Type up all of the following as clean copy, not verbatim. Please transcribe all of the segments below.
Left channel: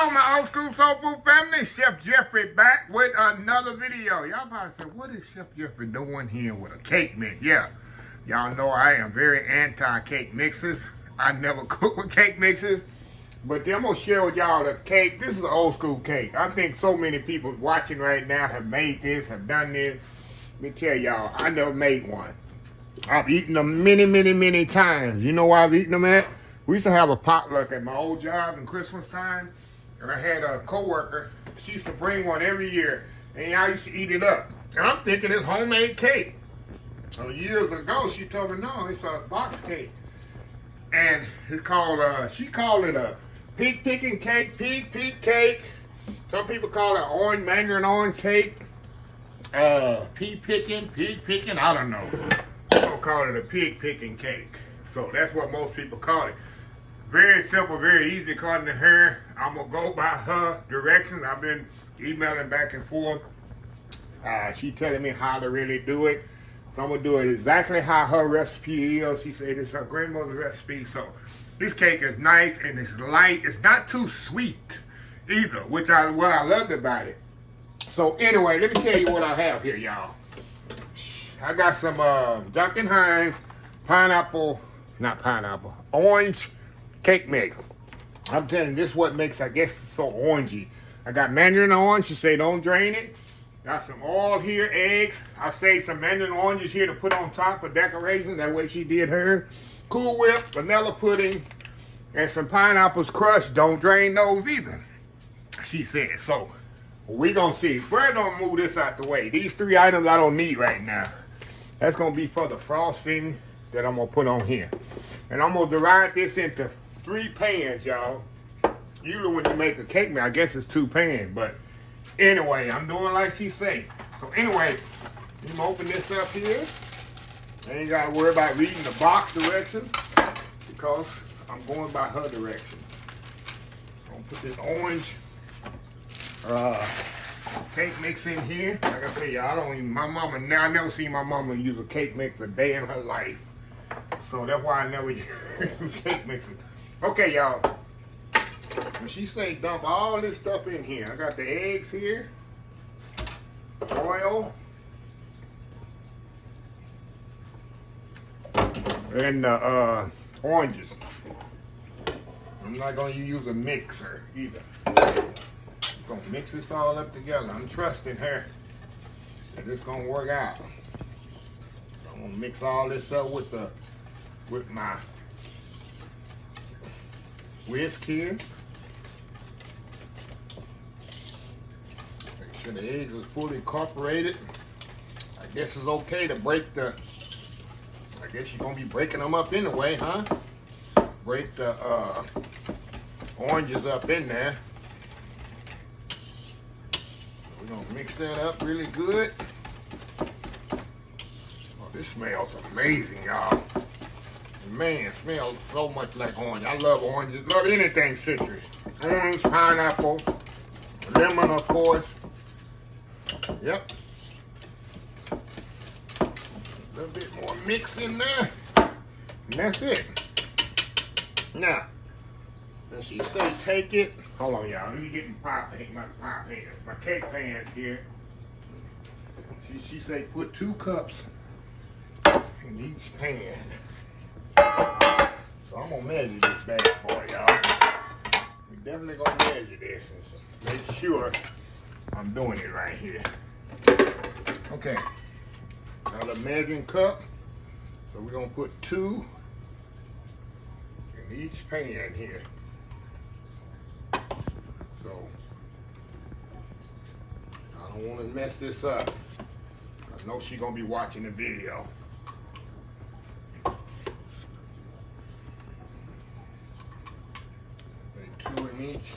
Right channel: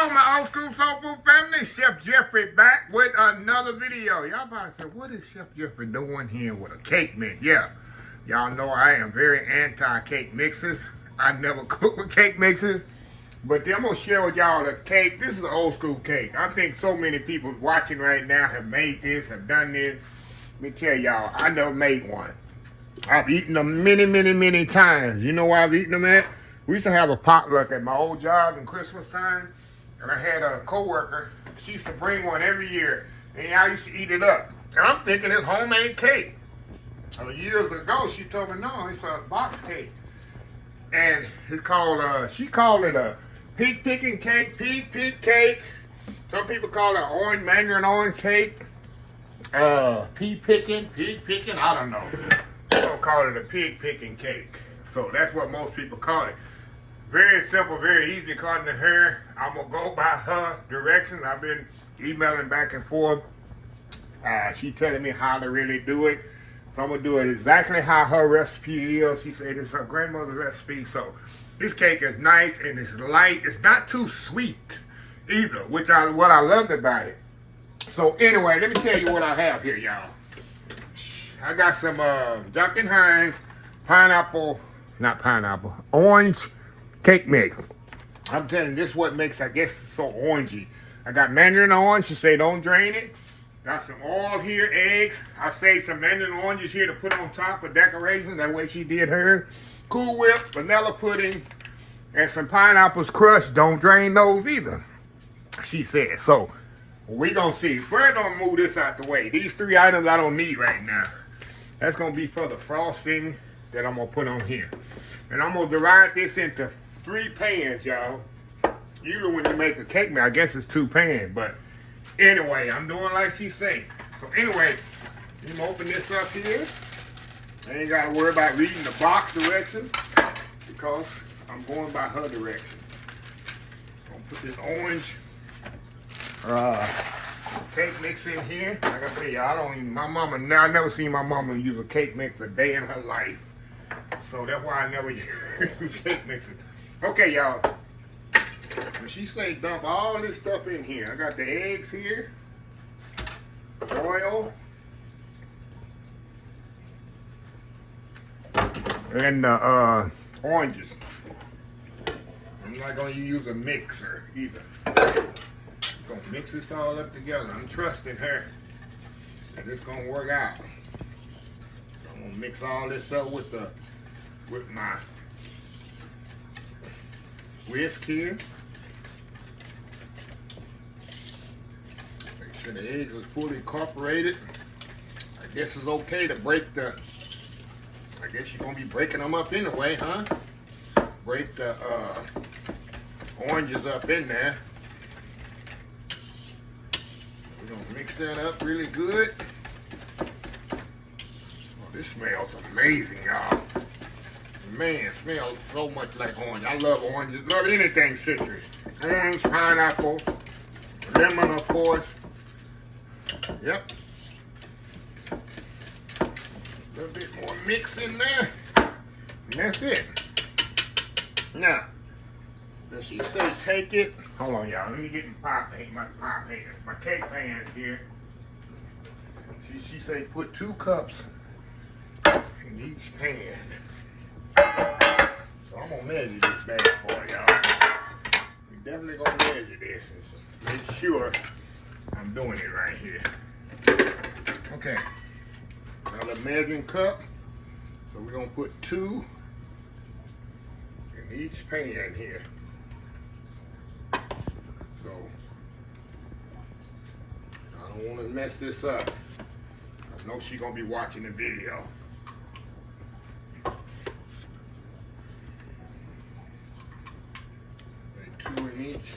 on, my old school soul food family? Chef Jeffrey back with another video. Y'all probably say, what is Chef Jeffrey doing here with a cake mix? Yeah, y'all know I am very anti-cake mixes. I never cook with cake mixes. But then I'm going to share with y'all the cake. This is an old school cake. I think so many people watching right now have made this, have done this. Let me tell y'all, I never made one. I've eaten them many times. You know where I've eaten them at? We used to have a potluck at my old job in Christmas time. And I had a co-worker. She used to bring one every year. And I used to eat it up. And I'm thinking it's homemade cake. So years ago, she told me, no, it's a box cake. And it's called, she called it a pig picking cake, pig cake. Some people call it orange, mandarin orange cake. Pig picking, I don't know. They don't call it a pig picking cake. So that's what most people call it. Very simple, very easy according to her. I'm going to go by her directions. I've been emailing back and forth. She telling me how to really do it. So I'm going to do it exactly how her recipe is. She said it's her grandmother's recipe. So this cake is nice and it's light. It's not too sweet either, which what I loved about it. So anyway, let me tell you what I have here, y'all. I got some Duncan Hines orange cake mix. I'm telling you, this is what makes, I guess, so orangey. I got mandarin orange. She say don't drain it. Got some oil here, eggs. I saved some mandarin oranges here to put on top for decoration. That way she did her. Cool Whip, vanilla pudding, and some pineapples crushed. Don't drain those either, she said. So we gonna see. First, I'm gonna move this out the way. These three items I don't need right now. That's gonna be for the frosting that I'm gonna put on here. And I'm gonna divide this into 3 pans, y'all. Usually when you make a cake mix, I guess it's 2 pans, but anyway, I'm doing like she say. So anyway, I'm gonna open this up here. I ain't gotta worry about reading the box directions because I'm going by her directions. I'm gonna put this orange cake mix in here. Like I say, y'all, I never seen my mama use a cake mix a day in her life. So that's why I never use cake mixes. Okay, y'all. When she say dump all this stuff in here, I got the eggs here, oil, and the oranges. I'm not going to use a mixer either. I'm going to mix this all up together. I'm trusting her that it's going to work out. I'm going to mix all this up with my whisk here. Make sure the eggs are fully incorporated. I guess it's okay to break I guess you're going to be breaking them up anyway, huh? Break the oranges up in there. We're going to mix that up really good. Oh, this smells amazing, y'all. Man, it smells so much like orange. I love oranges. Love anything citrus. Orange, pineapple, lemon, of course. Yep. A little bit more mix in there. And that's it. Now, does she say take it? Hold on, y'all. Let me get my cake pans here. She say put 2 cups in each pan. So I'm gonna measure this bad boy, y'all. We definitely gonna measure this and make sure I'm doing it right here. Okay. Got a measuring cup. So we're gonna put 2 in each pan here. So I don't want to mess this up. I know she's gonna be watching the video. Okay, 2 in each.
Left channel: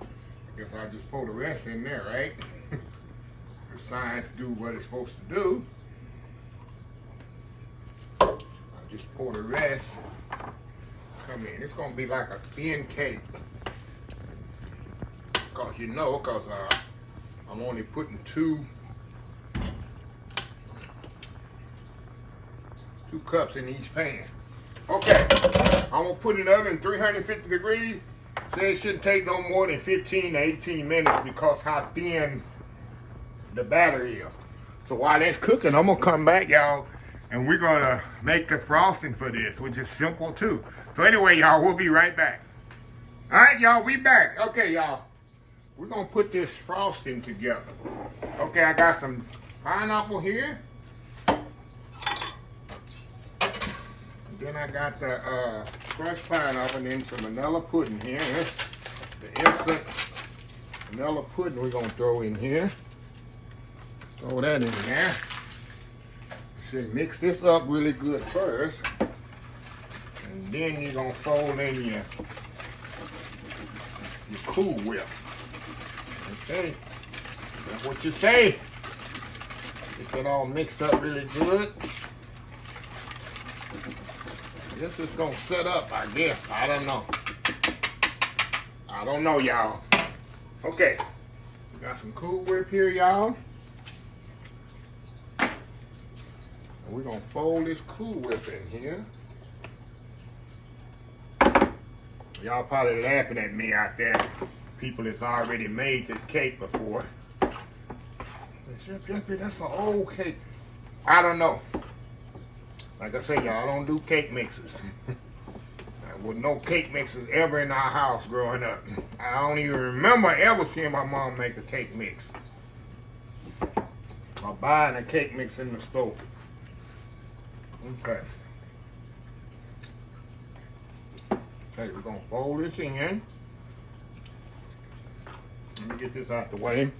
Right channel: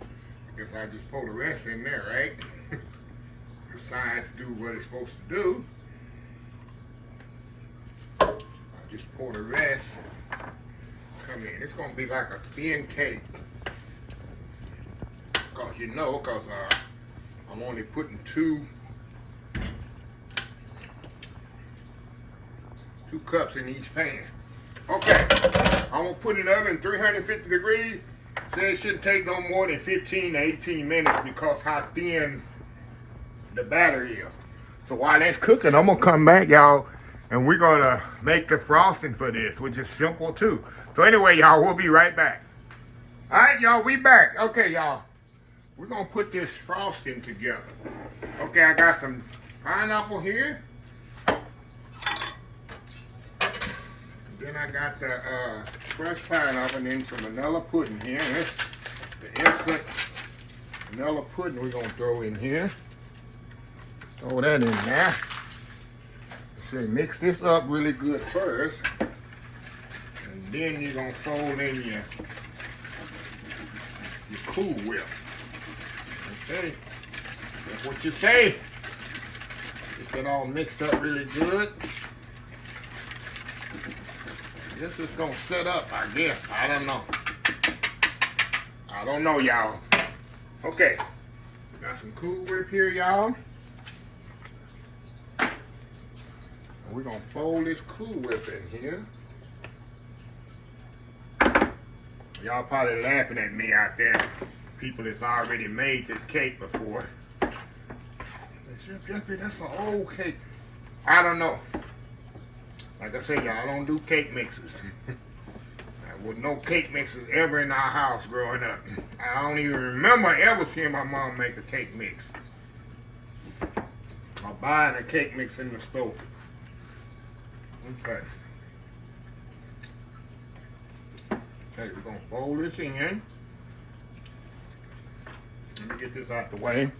I guess I just pour the rest in there, right? The science do what it's supposed to do. I just pour the rest. Come in. It's gonna be like a thin cake. Cause I'm only putting 2 cups in each pan. Okay, I'm gonna put it in the oven 350 degrees Say it shouldn't take no more than 15 to 18 minutes because how thin the batter is. So while that's cooking, I'm gonna come back, y'all, and we're gonna make the frosting for this, which is simple too. So anyway, y'all, we'll be right back. All right, y'all, we back. Okay, y'all, we're gonna put this frosting together. Okay, I got some pineapple here. Then I got the fresh pineapple and then some vanilla pudding here. The instant vanilla pudding we're gonna throw in here. Throw that in there. See, mix this up really good first. And then you're gonna fold in your Cool Whip. Okay, that's what you say. Get that all mixed up really good. This is gonna set up, I guess. I don't know. I don't know, y'all. Okay, got some Cool Whip here, y'all. And we're gonna fold this Cool Whip in here. Y'all probably laughing at me out there. People that's already made this cake before. Chef Jeffrey, that's an old cake. I don't know. Like I say, y'all, I don't do cake mixes. There was no cake mixes ever in our house growing up. I don't even remember ever seeing my mom make a cake mix. Or buying a cake mix in the store. Okay. Okay, we're gonna fold this in. Let me get this out the way.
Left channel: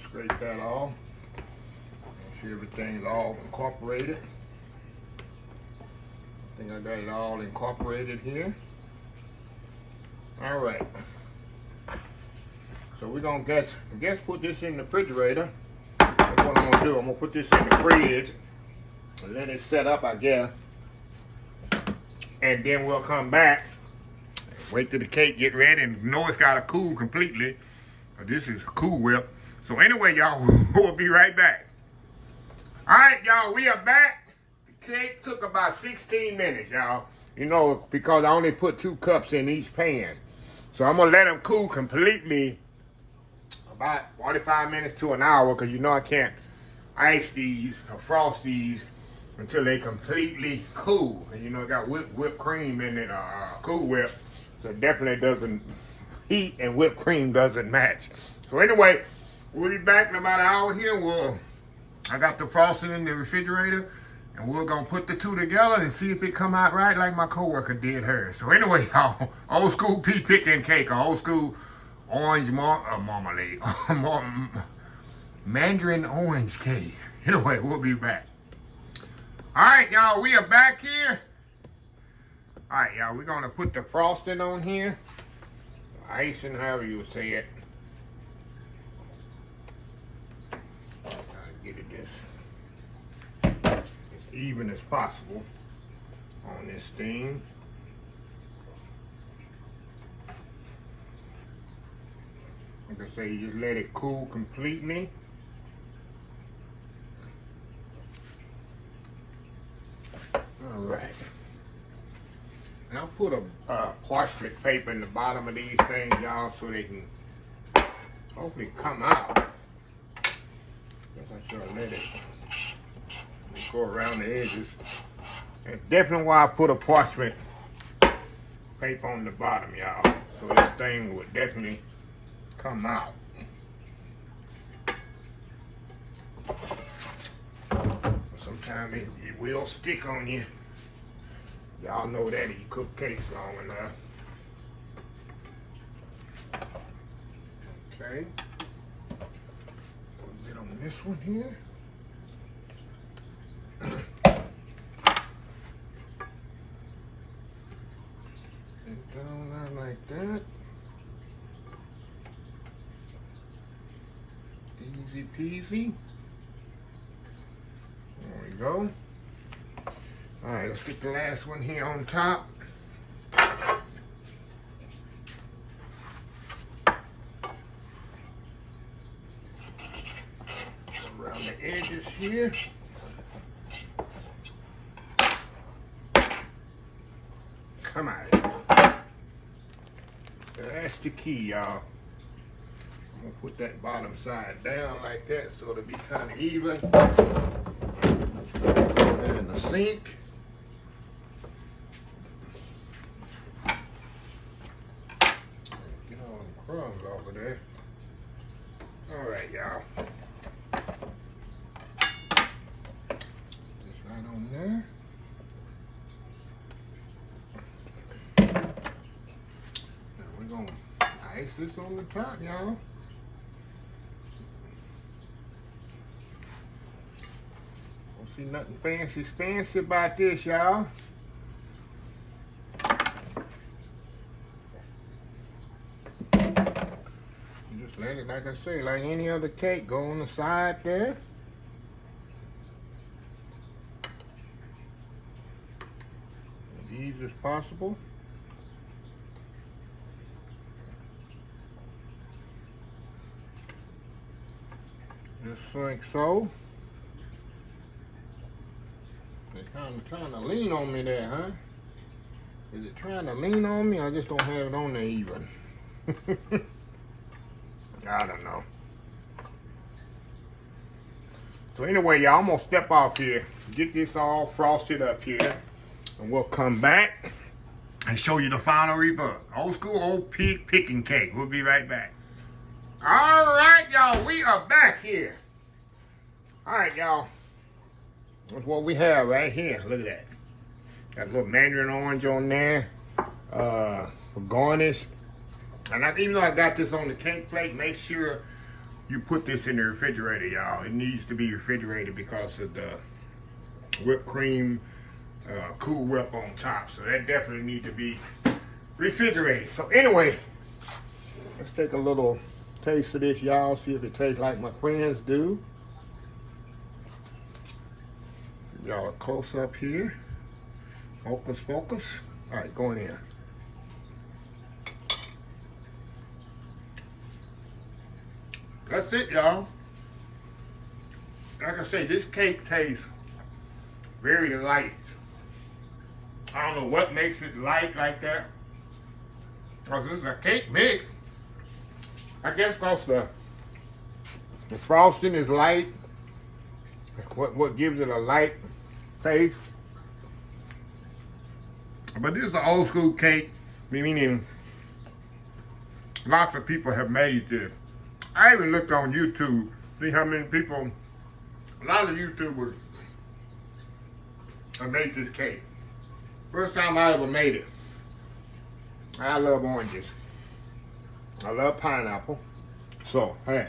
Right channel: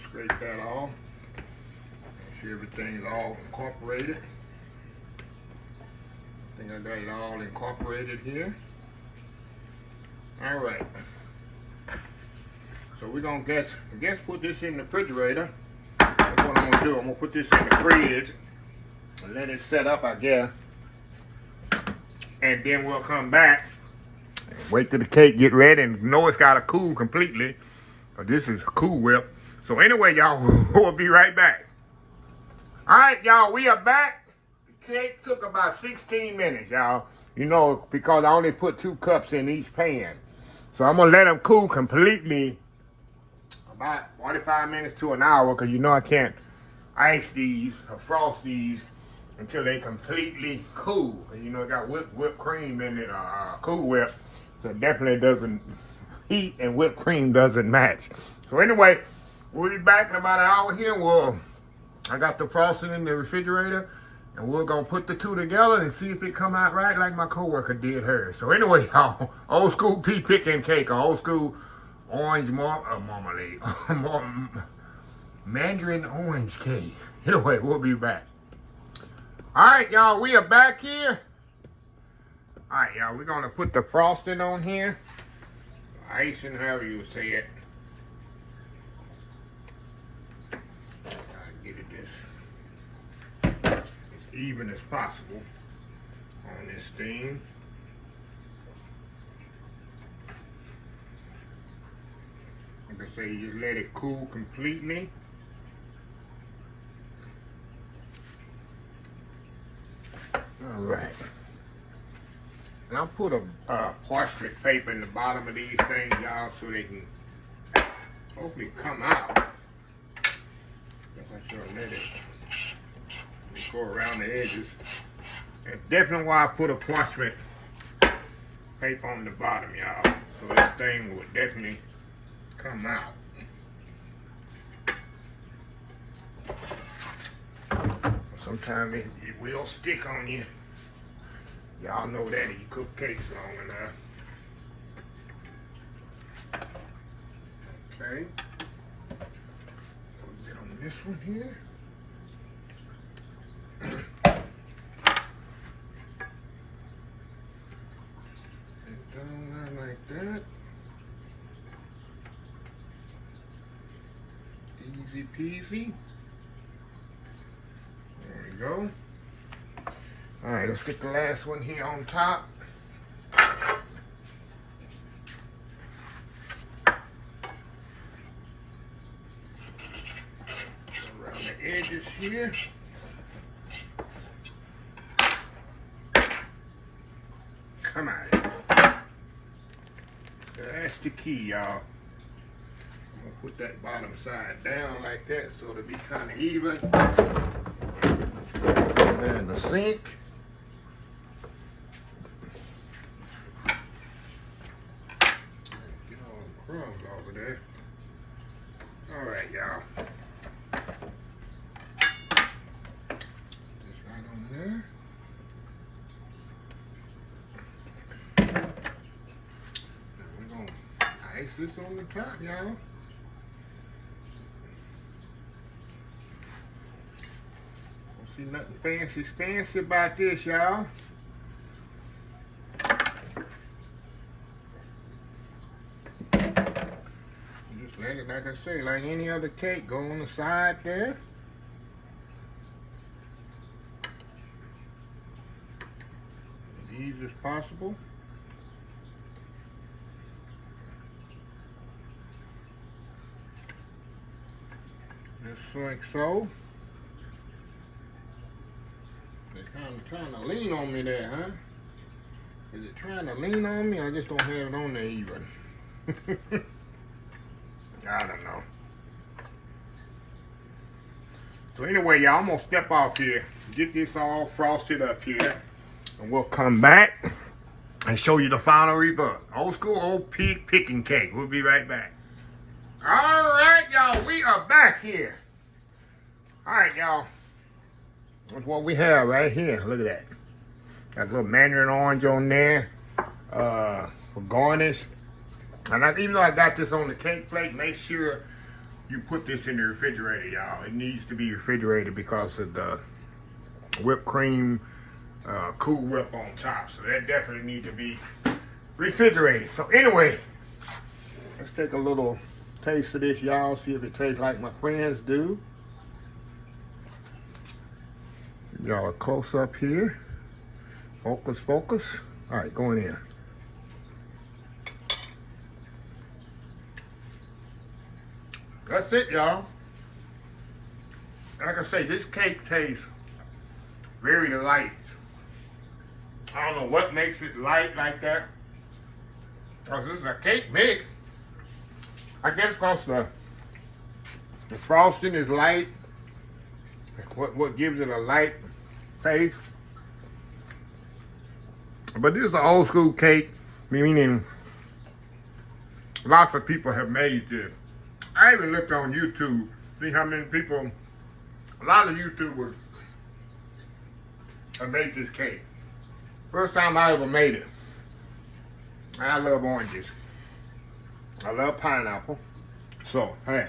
Scrape that off. Make sure everything's all incorporated. I think I got it all incorporated here. All right. So we're gonna put this in the refrigerator. That's what I'm gonna do. I'm gonna put this in the fridge and let it set up, I guess. And then we'll come back. Wait till the cake get ready and know it's gotta cool completely. This is Cool Whip. So anyway, y'all, we'll be right back. All right, y'all, we are back. The cake took about 16 minutes, y'all. You know, because I only put 2 cups in each pan. So I'm gonna let them cool completely about 45 minutes to an hour, because you know I can't ice these or frost these until they completely cool. And you know, it got whipped cream in it, Cool Whip. So it definitely doesn't, heat and whipped cream doesn't match. So anyway, we'll be back in about an hour here. I got the frosting in the refrigerator, and we're gonna put the two together and see if it come out right like my coworker did hers. So anyway, y'all, old school pea picking cake, old school orange marmalade, mandarin orange cake. Anyway, we'll be back. All right, y'all, we are back here. All right, y'all, we're gonna put the frosting on here, icing, however you say it. Get it as even as possible on this thing. Like I say, you just let it cool completely. All right. And I'll put a parchment paper in the bottom of these things, y'all, so they can hopefully come out. Guess I should let it go around the edges. That's definitely why I put a parchment paper on the bottom, y'all. So this thing would definitely come out. Sometimes it will stick on you. Y'all know that if you cook cakes long enough. Okay. A bit on this one here. And down like that. Easy peasy. There we go. All right, let's get the last one here on top. Around the edges here. the key, y'all. I'm gonna put that bottom side down like that so it'll be kind of even. And the sink. Get all the crumbs off of there. All right, y'all. Just right on there. Now we're gonna ice this on the top, y'all. Don't see nothing fancy about this, y'all. Just let it, like I say, like any other cake, go on the side there. As easy as possible. Just like so. They're kind of trying to lean on me there, huh? Is it trying to lean on me? I just don't have it on there even. I don't know. So anyway, y'all, I'm gonna step off here, get this all frosted up here, and we'll come back and show you the final result. Old school, old pig picking cake. We'll be right back. All right, y'all, we are back here. All right, y'all. That's what we have right here. Look at that. Got a little mandarin orange on there for garnish. And even though I got this on the cake plate, make sure you put this in the refrigerator, y'all. It needs to be refrigerated because of the whipped cream Cool Whip on top. So that definitely needs to be refrigerated. So anyway, let's take a little taste of this, y'all. See if it tastes like my friends do. Y'all close up here. Focus, focus. All right, going in. That's it, y'all. Like I say, this cake tastes very light. I don't know what makes it light like that. Because this is a cake mix. I guess because the frosting is light. What gives it a light taste. But this is an old school cake, meaning lots of people have made this. I even looked on YouTube, see how many people, a lot of YouTubers have made this cake. First time I ever made it. I love oranges. I love pineapple. So, hey,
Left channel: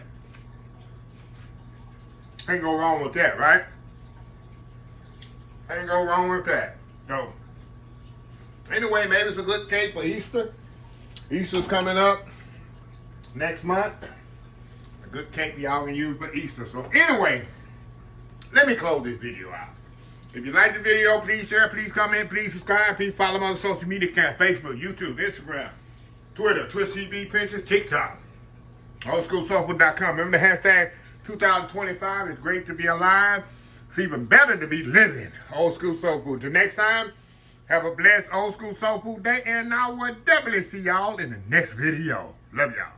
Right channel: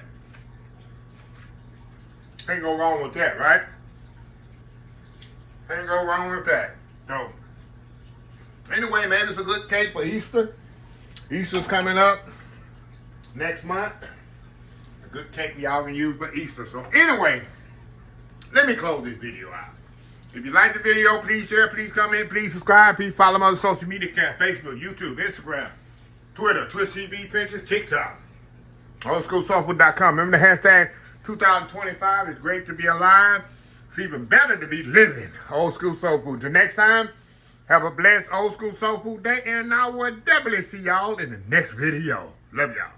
can't go wrong with that, right? Can't go wrong with that. So, anyway, man, it's a good cake for Easter. Easter's coming up next month. A good cake y'all can use for Easter. So anyway, let me close this video out. If you like the video, please share, please comment, please subscribe, please follow my other social media accounts, Facebook, YouTube, Instagram, Twitter, Twitch TV, Pinterest, TikTok, oldschoolsoulfood.com. Remember the hashtag 2025 is great to be alive. It's even better to be living. Old School Soul Food. Till next time, have a blessed Old School Soul Food day, and I will definitely see y'all in the next video. Love y'all.